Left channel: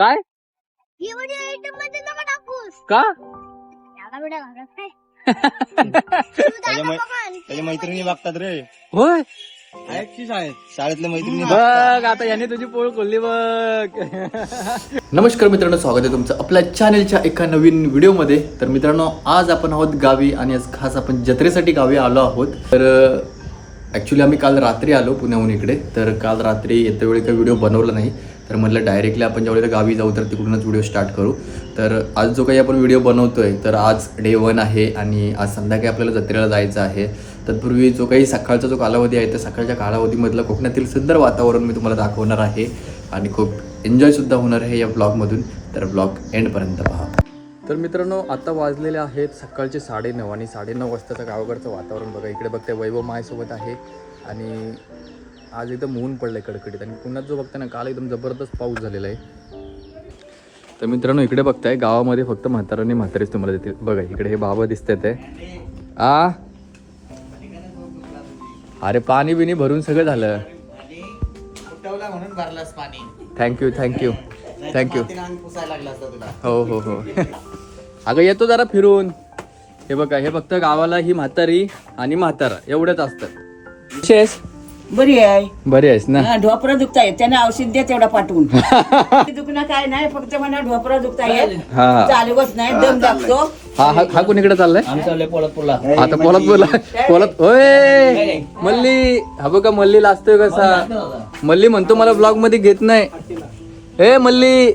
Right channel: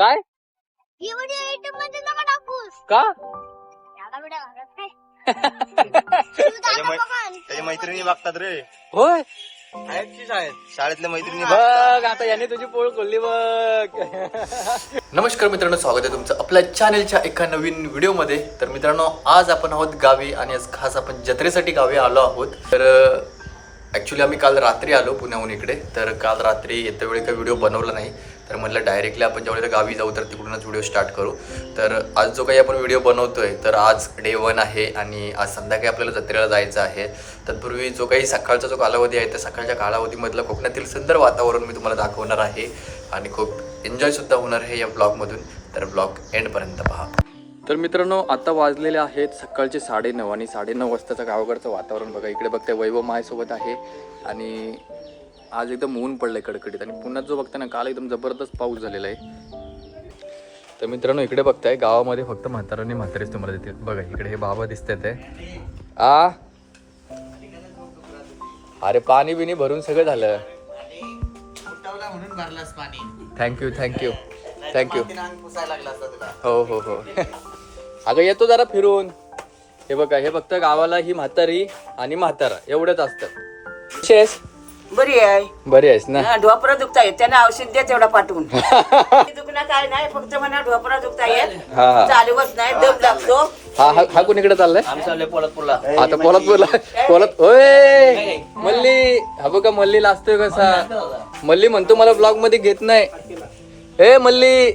काय का त्याच्या मैत्रिणी बघतात रे. होय शाळेतल्या मैत्रिणी बघ आता यांनी तुझी पोळ खोलली बघ. नमस्कार मित्रांनो, स्वागत आहे तुमचं आपल्या चॅनलच्या एका नवीन व्हिडिओमध्ये. तर मित्रांनो, आज आपण आहोत गावी आणि आज खास आपण जत्रेसाठी गावी आलो आहोत. तर ॲक्च्युली आम्ही काल रात्री आलो पुण्याहून इकडे. तर काल रात्री येत्या वेळी काही व्हिडिओ बनवला नाही, तर म्हटलं डायरेक्टली आपण ज्यावेळेला गावी जाऊ तर तिकडूनच व्हिडिओ स्टार्ट करू. तर आज जो काही आपण व्हिडिओ बनवतोय तर आज डे 1 आहे आणि आज संध्याकाळी आपल्याला जत्रेला जायचं आहे. तत्पूर्वी जो काही सकाळचा जो कालावधी आहे त्या सकाळच्या कालावधीमधलं कोकणातील सुंदर वातावरण मी तुम्हाला दाखवणार आहे आणि खूप एन्जॉयसुद्धा होणार आहे या ब्लॉगमधून. तर ब्लॉग एंडपर्यंत पहा. तर मित्रांनो, आता वाजलेले आहेत सकाळचे 9:30 आणि 9:30 वाजताचं गावाकडचं वातावरण बघा. इकडे बघताय वैभव माझ्यासोबत आहे आणि आज एकदम ऊन पडलंय कडकडीत. आणि पुण्यात जो बघताय ना, काल एकदम जबरदस्त पाऊस झालेला आहे. तर मित्रांनो, इकडे बघताय गावामध्ये फक्त म्हाताराने म्हातारेच तुम्हाला देतील बघा. इकडे हे बाबा दिसतात आहे. अरे पाणी बिनी भरून सगळं झालं. म्हणून भरलास पाणी. थँक्यू लागला असता तुला. हो. अगं येतो जरा फिरून. हे बघा, हे फक्त गावाला ही म्हातारी आणि म्हातारा एवढेच असतात. बरी आहे. बरे आहेस ना? ढोपरा दुखता येत त्यांना औषध द्या तेवढा पाठवून. दुखणं काय नाही, फक्त मला ढोपरा दुखता येत, चालवत नाही, दम लागतो. हा कोणीकडे चाललाय? आम्ही चाललोय पोलादपूरला. आता पोलत होय मल्ली. हा बघा मल्ली लाजतोय कसा. मल्ली म्हणतो मला ब्लॉग मध्ये घेत नाही. हे मल्ली,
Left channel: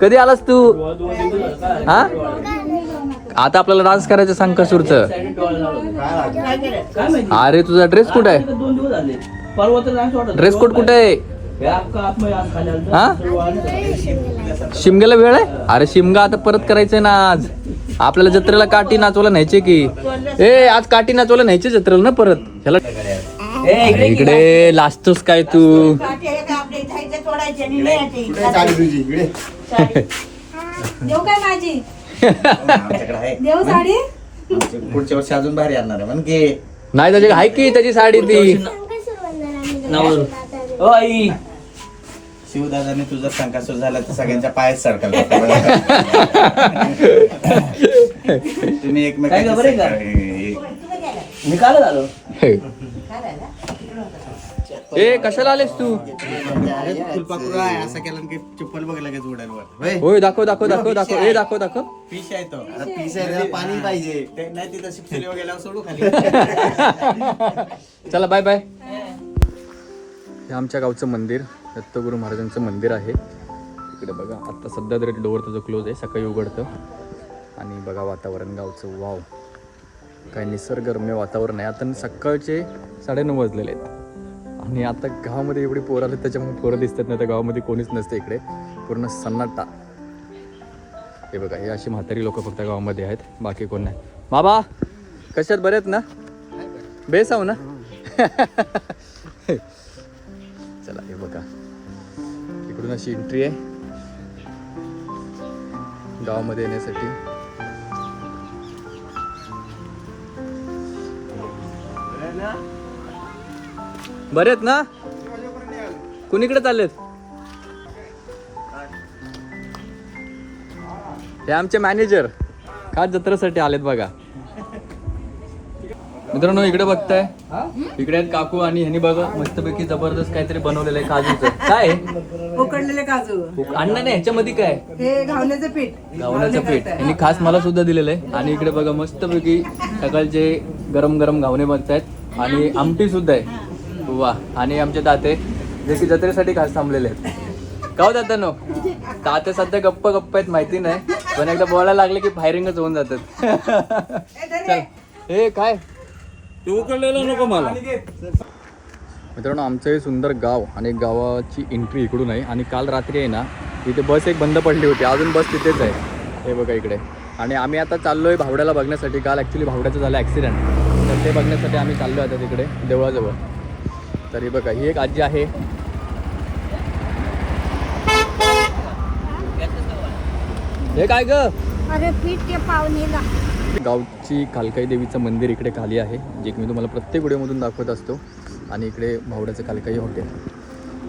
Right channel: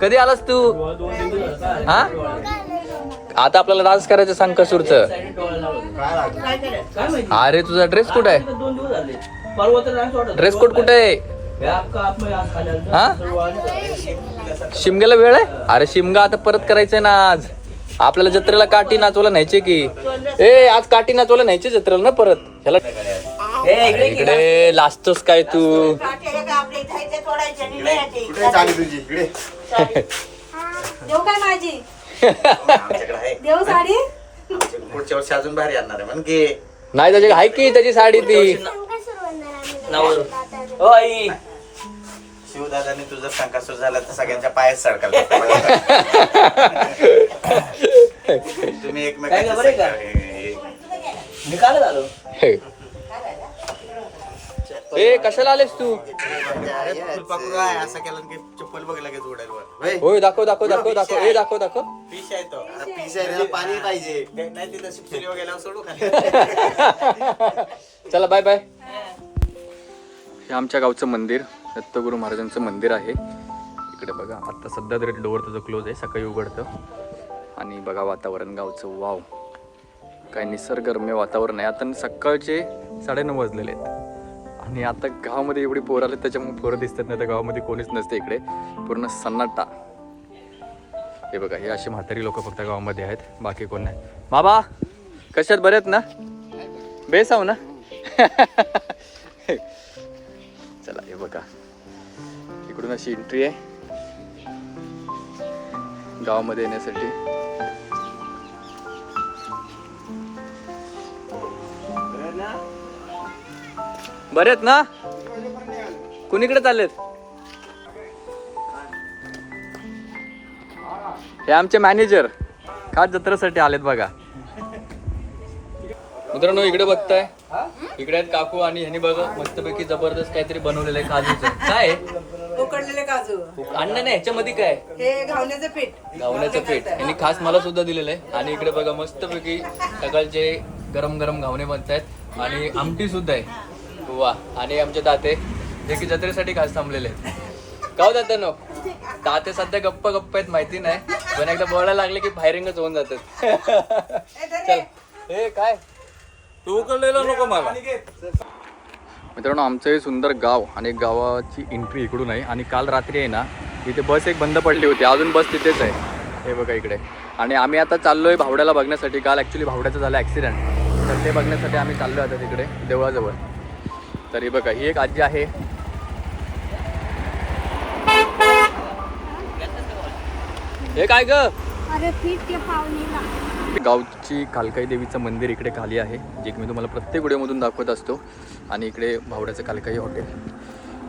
कधी आलास तू? हा आता आपल्याला डान्स करायचं सांग कसूरचं. अरे तुझा ड्रेस कुठे आहे? ड्रेस कोड कुठे आहे? हा शिमग्याला वेळ आहे? अरे शिमगा आता परत करायचंय ना. आज आपल्याला जत्रेला काठी नाचवलं न्यायचे की. ए आज काठी नाचवलं न्यायचे जत्रेला ना परत. ह्याला इकडे लाजतोस काय तू? आमच्याकडे आहे. पुढच्या वर्षी अजून भारी आणणार आहे म्हणजे. नाही त्याची आहे की त्याची साडी ती. शिवदादाने तुझा संकासूर झाला तर सगळ्यांच्या पायात सडकल. तुम्ही एकमेकांच्या मी काल आलो. ए कशाला आलेस तू? फुलपाखरूला असं केलं की चप्पल बघ लगेच उडायला. होय दाखव. ए दाखव. फिश आहे तो. अरे फिश आहे, त्याला पाणी पाहिजे. नाही तिथं शिक्षण गेल्यावर सोडू खाली. चला बाय. हे आमच्या गावचं मंदिर, दत्तगुरू महाराजांचं मंदिर आहे. इकडे बघा, आता सध्या तरी डोअर त्याचं क्लोज आहे, सकाळी उघडतं. आणि बघा वातावरण गावचं, वाव काय निसर्गरम्य वातावरण आहे. आता सकाळचे 9:30 वाजलेले आहेत आणि आता गावामध्ये एवढी पोरं आले त्याच्यामुळे पोरं दिसतात. नाही तर गावामध्ये कोणीच नसते इकडे, पूर्ण सन्नाटा. हे बघा, हे अशी म्हातारी लोक फक्त गावामध्ये आहेत, बाकी कोण नाही. बाबा कशात बरे आहेत ना? बेस आहो ना? चला हे बघा, इकडून अशी एंट्री आहे गावामध्ये येण्यासाठी. बरे आहेत ना? कुणीकडे चाललेत? हे आमचे मॅनेजर खास जत्रेसाठी आलेत बघा. मित्रांनो इकडे बघताय, इकडे आहेत काकू आणि ह्यांनी बघा मस्तपैकी जबरदस्त काहीतरी बनवलेलं आहे काजूचं. काय उकडलेले काजू. अण्णा नाही ह्याच्यामध्ये काय? हे घावण्याचं पीठ. घावण्याचं पीठ यांनी खास मला सुद्धा दिलेलं आहे. आणि इकडे बघा मस्तपैकी सकाळचे गरम गरम घावणे बघतायत आणि आमटी सुद्धा आहे. वा. आणि आमचे ताते जे की जत्रेसाठी खास थांबलेले आहेत. का जातानो ताते सध्या गप्प आहेत माहिती नाही, पण एकदा बोलायला लागले की फायरिंगच होऊन जातात. हे काय तू उकडलेलं नको मला. मित्रांनो, आमचं हे सुंदर गाव आणि गावाची एंट्री इकडून आहे. आणि काल रात्री आहे ना, इथे बस एक बंद पडली होती, अजून बस तिथेच आहे. हे बघा इकडे. आणि आम्ही आता चाललो आहे भावड्याला बघण्यासाठी. काल ॲक्च्युली भावड्याचं झालं ॲक्सिडेंट, तर ते बघण्यासाठी आम्ही चाललो आता तिकडे देवळाजवळ. तर हे बघा, ही एक आजी आहे. हे काय ग? अरे पीठ के पावणीला. गावची कालकाई देवीचं मंदिर इकडे खाली आहे, जे की मी तुम्हाला प्रत्येक व्हिडिओमधून दाखवत असतो. आणि इकडे भावड्याचं कालकाई हॉटेल.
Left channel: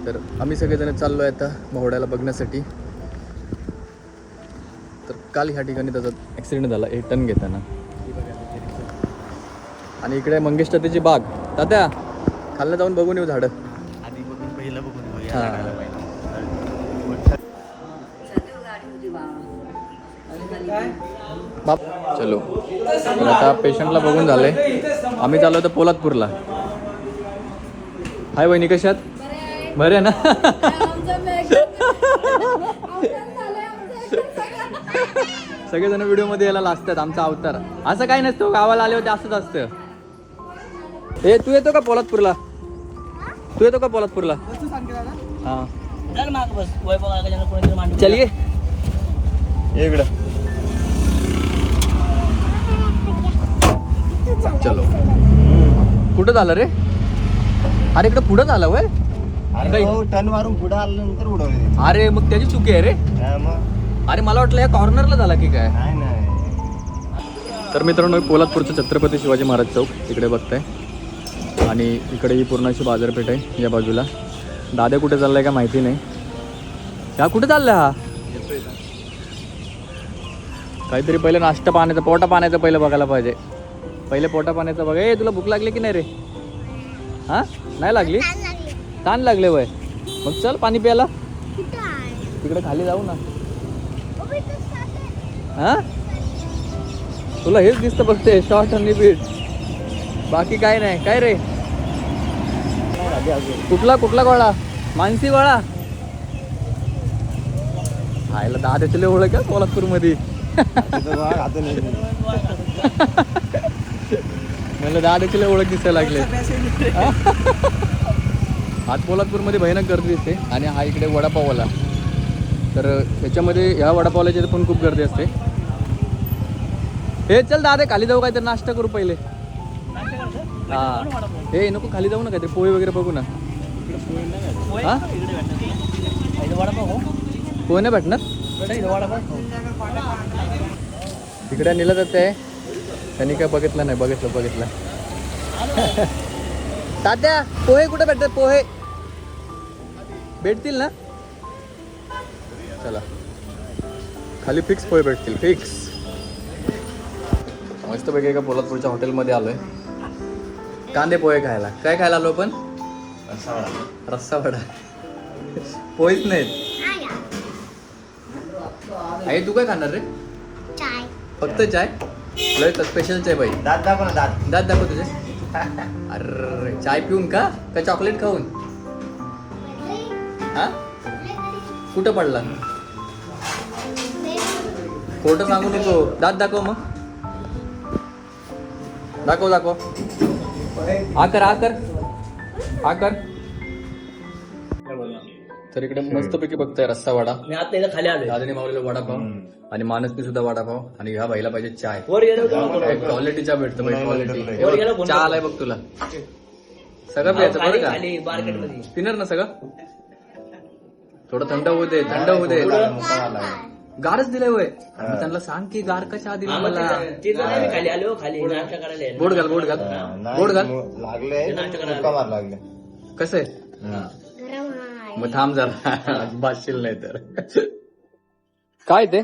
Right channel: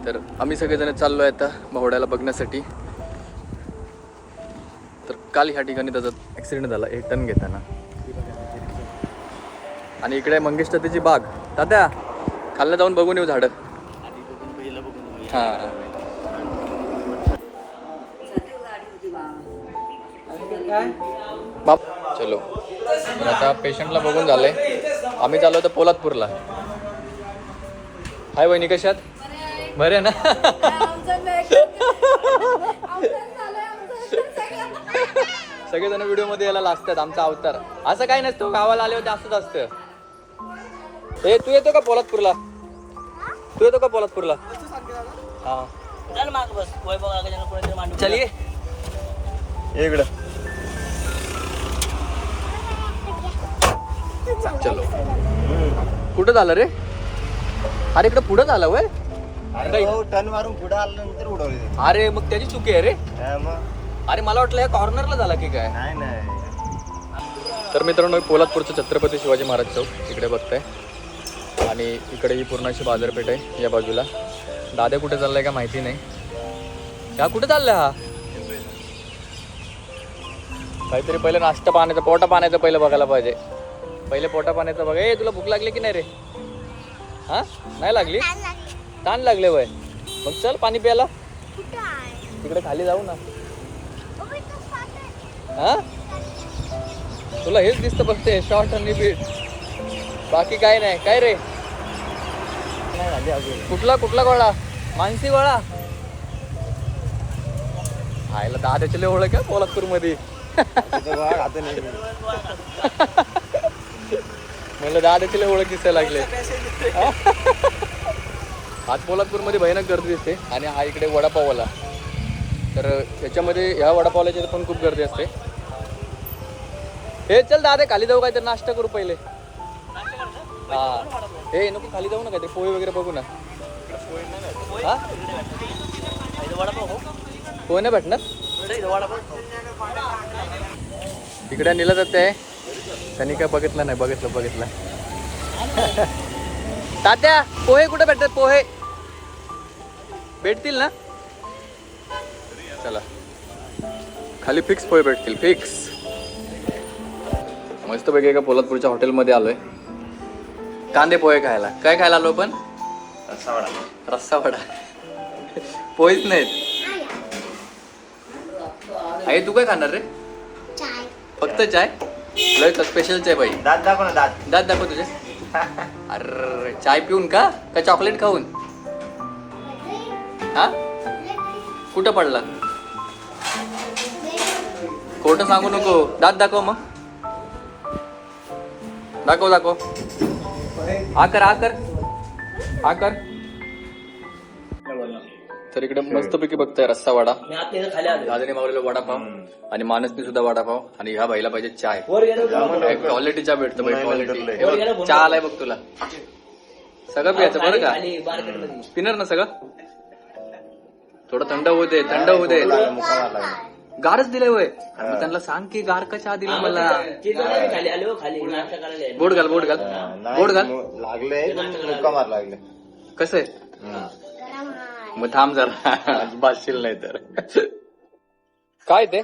तर आम्ही सगळेजण चाललो आहे आता महोड्याला बघण्यासाठी. तर काल ह्या ठिकाणी त्याचा ॲक्सिडेंट झाला एक टन घेताना. आणि इकडे मंगेश तात्याची बाग. तात्या खाल्लं जाऊन बघून येऊ झाडं. आधी बघून पहिलं बघून हां बाप चलो. आता पेशंटला बघून झालंय. आम्ही चाललो होतो पोलादपूरला. हाय वहिनी कशी आहेत? बरे आहे ना? सगळेजण व्हिडिओ मध्ये यायला असतात आमचा अवतार. असं काही नसतं गावाला आले होते असंच असतं. हे तू येतो का पोलादपूरला? तू येतो का पोलादपूरला? चलिए कुठं झालं रे? अरे इकडे पुढं झालं वय. टन वारून पुढे आल्यानंतर उडवले. अरे मग त्याची चुकी आहे रे. अरे मला वाटलं या कॉर्नरला झाला की काय. तर मित्रांनो कोल्हापूरचं छत्रपती शिवाजी महाराज चौक तिकडे बसतोय आणि इकडे ही पूर्ण अशी बाजारपेठ आहे या बाजूला. दादा कुठे चाललाय का माहिती नाही. हा कुठे चाललाय हा? काहीतरी पहिले नाश्ता पाण्याचं पोटा पाण्याचं पहिलं बघायला पाहिजे. पहिले पोटा पाण्याचं बघ. ए तुला भूक लागली की नाही रे? हा नाही लागली? ताण लागले वय. मग चल पाणी प्यायला तिकडे खाली जाऊ ना. हा तुला हेच दिसतं बघते शॉर्ट आणि बीट. बाकी काय नाही. काय रे कुठला गोळा? मानसी गोळा आयला दहा त्याच्याले ओळख का कोल्हापूर मध्ये? मला दहा त्याच्याले ओळख दिसायला लागली. कोल्हापूरमध्ये भयानक गर्दी असते आणि हा इकडे वडापावाला. तर याच्यामध्ये ह्या वडापावला पण खूप गर्दी असते. हे चल दादा खाली जाऊ काय तर नाश्ता करू पहिले. हे नको खाली जाऊ ना काय ते पोहे वगैरे बघू ना. हा पोहे नाही भेटणार तिकडे नेलं जात आहे. त्यांनी काय बघितलं नाही. बघितलं तात्या पोहे कुठे भेटतात? पोहे भेटतील ना? चला खाली फिक्स पोहे भेटतील. फिक्स मस्तपैकी एका पोलादपूरच्या हॉटेलमध्ये आलोय कांदे पोहे खायला. काय खायला आलो पण? रस्सा वडा. पोहेच नाहीत. आई तू काय खाणार रे? फक्त चाय? लय स्पेशल चाय बाई. दात दाखव तुझे. अरे चाय पिऊन का चॉकलेट खाऊन? हा कुठं पडला? खोटं सांगू नको. दात दाखव मग. दाखव आकर. तर इकडे मस्तपैकी बघताय रस्सा वडा. दादाने मावलेला वडापाव आणि मानसने सुद्धा वडापाव आणि ह्या बाईला पाहिजे चाय. क्वालिटी चहा भेटतो बाई. क्वालिटी चहा आलाय बघ तुला. सगळं प्यायचं बरं का? पिणार ना सगळं? थोडं थंड होऊ दे. गारच दिलंय वय. मग त्यांना सांग की गार का चहा दिला मला. बोट घाल. कसं आहे? मग थांब जरा बाशील नाही तर. काय ते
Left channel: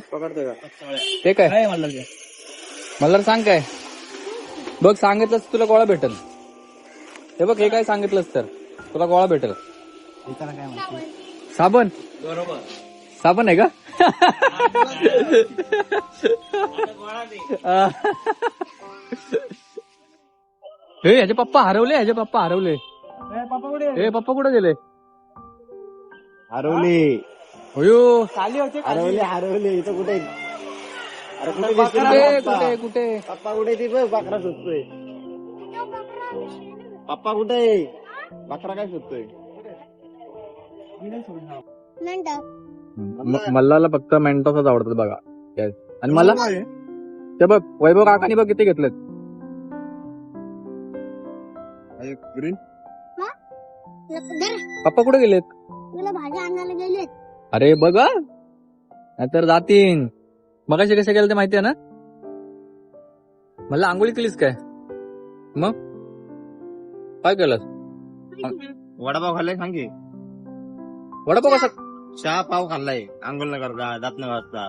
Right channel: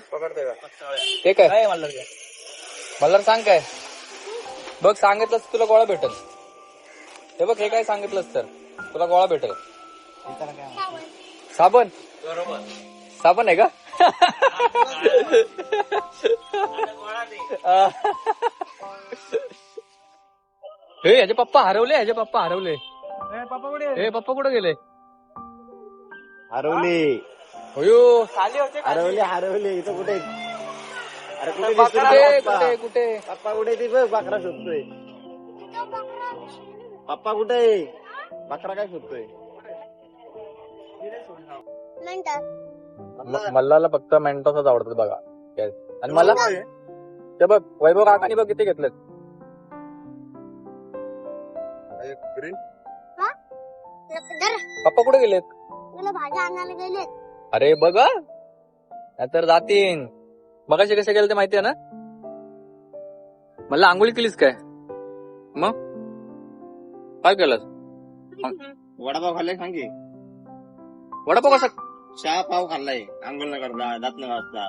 काय मला सांग काय बघ. सांगितलंस तुला गोळा भेटेल. हे बघ हे काय सांगितलंस तर तुला गोळा भेटेल. साबण आहे का? हे ह्याचे पप्पा हरवले. पप्पा कुठे गेले? हरवले. कुठे पप्पा कुठे ते बघ. बकरा शोधतोय. पप्पा कुठे? बकरा काय शोधतोय? मल्लाला फक्त मेंटॉसच आवडतात बघा. आणि मला ते बघ वैभव काकाने बघ किती घेतलेत. पप्पा कुठे गेलेत? भाज्या आणायला गेले. अरे बघा नाहीतर जातीन. मगाशी कसे गेले ते माहितीये ना? मला आंघोळी केलीस काय? मग काय केलं? वडापाव खाल्लाय सांग की. वडापाव कसा चहा पाव खाल्लाय आंघोळ न करता दात न घासता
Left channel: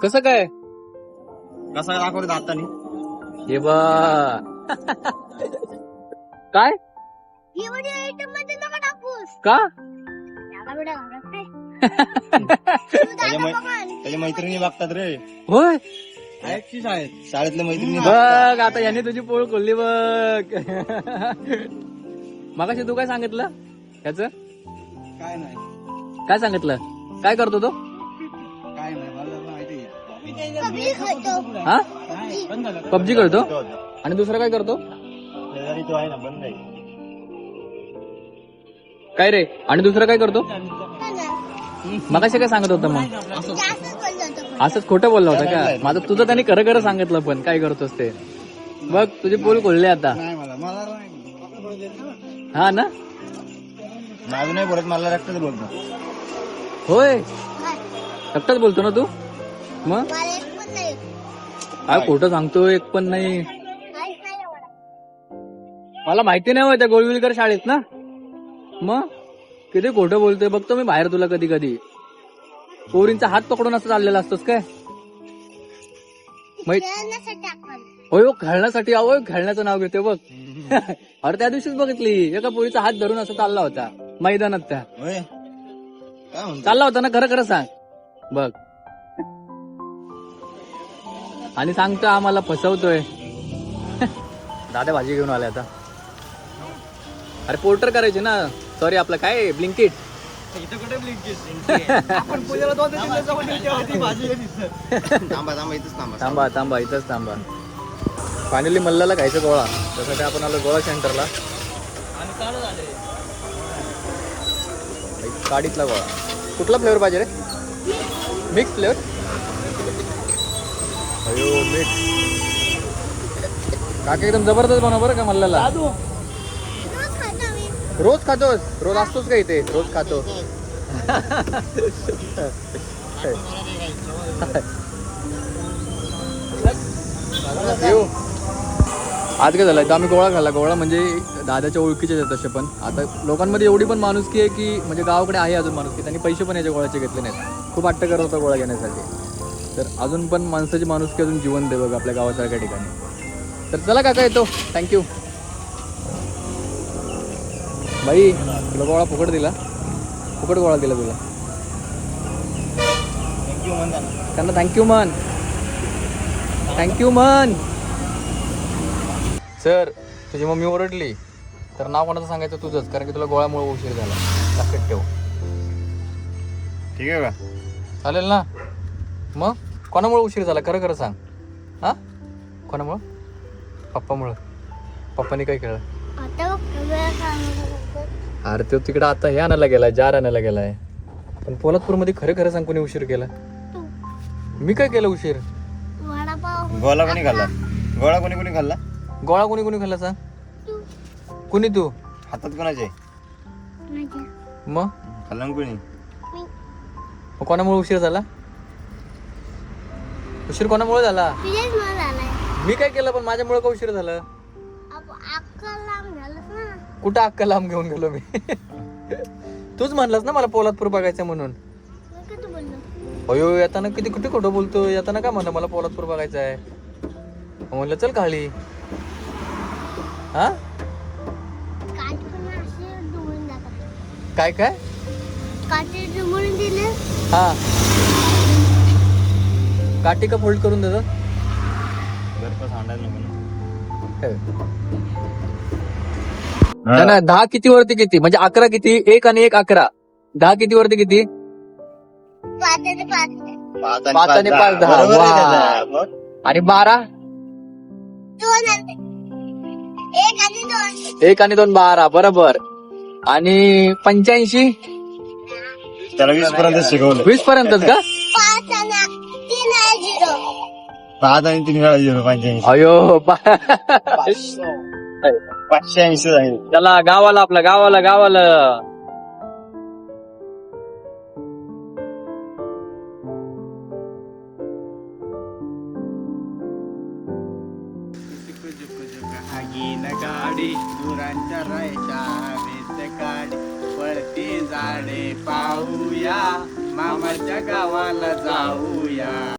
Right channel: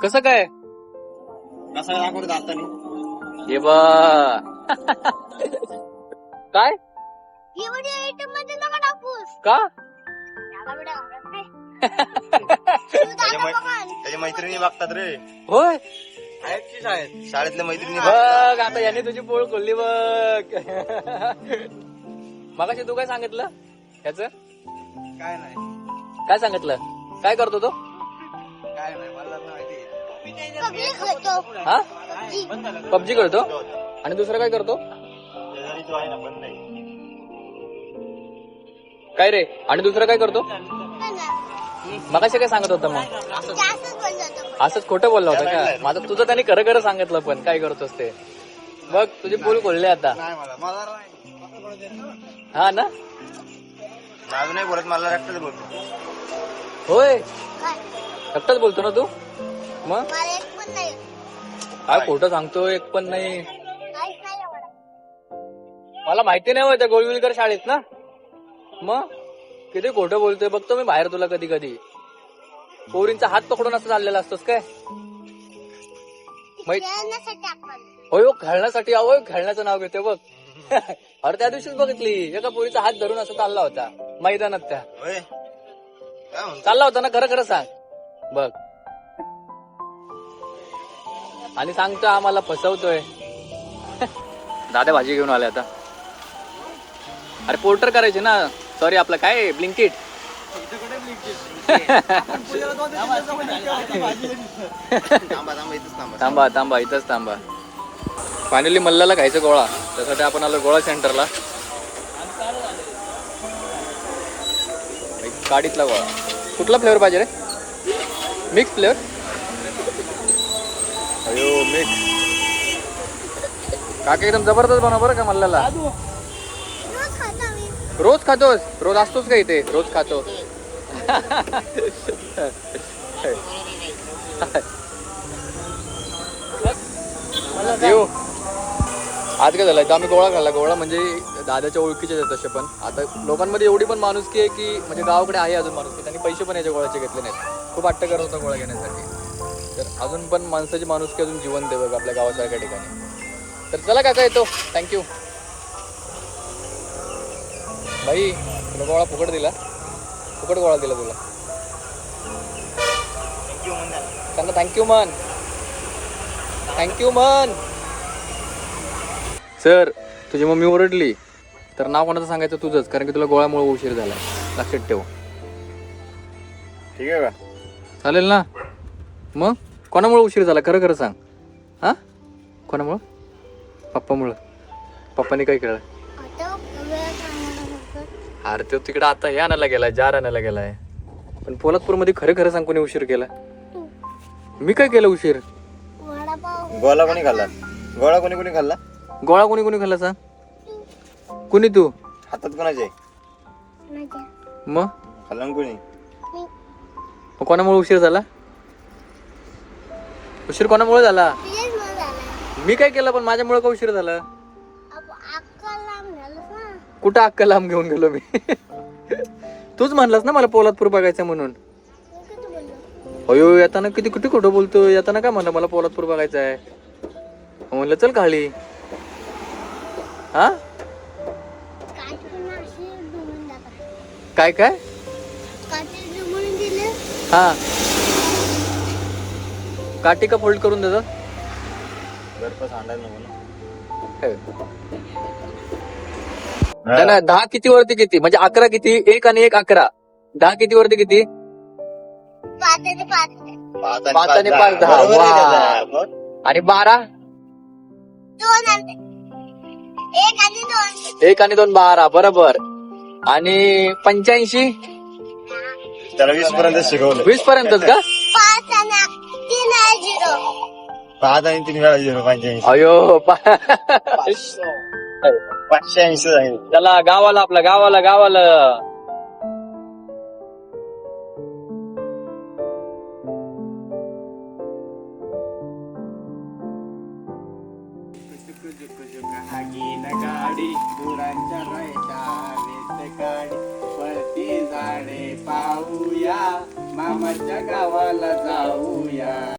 कसं काय कसा दाखवतो दातानी हे बा काय एवढ्या आयटम मध्ये नका टाकूस का एवढ्या घरात काय तू दादा बघा. त्याच्या मैत्रिणी बघतात रे होय शाळेतल्या मैत्रिणी बघतात बघ आता यांनी तुझी पोळ खोलली बघ मगाशी तू काय सांगितलं ह्याच काय नाही काय सांगितलं काय करतो तो काय नाही मला माहिती पब्लिक होतो हा पबजी खेळतो आहे आणि दुसरं काय करतो शेजारी तो आहे ना बंद आहे काय रे आणि दुसरं काय करतो मगाशी काय सांगत होतं मग जास्तच बोलतो तो कोणी. असं खोटं बोललं होतं साईडला का? आहे. माझं तुझं त्यांनी खरं खरं सांगितलं पण काय करतोस ते बघ तुझे पोल खोलले आता नाही मला हा ना माझं नाही बोलत मला रक्तच बोलतो होय काय? एकटाच बोलतो ना तू मग मला एक पण नाही काय खोटं सांगतो एक पण नाही काहीच नाही आवडत. मला माहिती नाही त्या गोळविलकर शाळेत ना मग किती खोटं बोलतोय बघतो मी बाहेर तुला कधी कधी पोरींचा हात पकडून असं चाललेला असतोस काय माहित खेळण्यासाठी आपण होय हो, खेळण्यासाठी अहो खेळण्याचं नाव घेते बघ अरे त्या दिवशीच बघितली एका पोरीचा हात धरून असं चालला होता मैदानात त्या होय काय म्हणतो चालला होता ना खरं खरं सांग बघ आणि सांगतो आम्हाला फसवतोय दादा भाजी घेऊन आले आता अरे पोर्टर करायचे ना सॉरी आपलं काय ब्लिंकिट थांबा थांबा इथंच थांबा थांबा थांबा इथंच थांबा फायनली मल्लाला खायचं गोळा त्यासाठी आपण आलो गोळा सेंटरला काडीतला गोळा कुठला फ्लेवर पाहिजे रे मिक्स फ्लेवर अयो मिक्स काका एकदम जबरदस्त बनव बरं का मल्लाला रोज खाता मी रोज खातोस रोज असतोच का इथे रोज खातो येऊ आज काय झालं आम्ही गोळा खाल्ला गोळा म्हणजे दादाच्या ओळखीचे आहेत तसे पण आता लोकांमध्ये एवढी पण माणुसकी आहे की म्हणजे गावाकडे आहे अजून माणुसकी त्यांनी पैसे पण याच्या गोळ्याचे घेतले नाही खूप वाटतं करत होतं गोळा घेण्यासाठी तर अजून पण माणसाची माणुसकी अजून जीवन देऊ आपल्या गावासारख्या ठिकाणी तर चला काका येतो थँक्यू भाई तुला गोळा फुकट दिला फुकट गोळा दिला तुला त्यांना थँक्यू मन सर तुझी मम्मी ओरडली तर नाव कोणाचं सांगायचं तुझंच कारण की तुला गोळ्यामुळे उशीर झाला लक्षात ठेव ठीक आहे का चालेल ना मग कोणामुळे उशीर झाला खरं खरं सांग हा कोणामुळं पप्पामुळं पप्पानी काय केलं आता वेळ कामाला अरे तो तिकडे आता हे आणायला गेलाय जार आणायला गेलाय पण पोलादपूरमध्ये खरं खरं सांग कोणी उशीर केला तू मी काय केलं उशीर वडापाव गोळा कोणी खाल्ला गोळा कोणी कोणी खाल्ला गोळा कोणी कोणी खाल्ला सांग तू कोणी तू हातात कोणाचे माझ्या मग खाल्ला ना कोणी मी मग कोणामुळे उशीर झाला उशीर कोणामुळे झाला तुझेच मन झालाय मी काय केलं पण माझ्यामुळे का उशीर झाला अक्का लांब झालंस ना कुठं अक्का लांब घेऊन गेलो मी तूच म्हणलास ना मला पोलादपूर बघायचं म्हणून मी किती बोललो अयो येताना किती कुठे खोटं बोलतो येताना काय म्हणलं मला पोलादपूर बघायचं आहे म्हणलं चल काळी हा काय तुम्ही अशी डुमून जातात काय काय काटे डुमून दिले हा काठी का फोल्ड करून देतो गरपा सांडायला नको ना नाही, 10 किती वरती किती म्हणजे 11 किती 1 आणि 1 11 10 किती वरती किती पाच आणि पाच 5 आणि 5 आणि 12 दोन आणि एक आणि दोन 1 आणि 2 12 बरोबर आणि 85 त्याला 20 पर्यंत शिकवलं 20 पर्यंत का 5 आणि 3 आणि 0 5 आणि 3 वेळा 85 अयो 580 झाली चला गावाला आपला गावाला गाडी गुरांच्या रायच्या हवेत काडी आवडती झाडे पाहूया मामाच्या गावाला जाऊ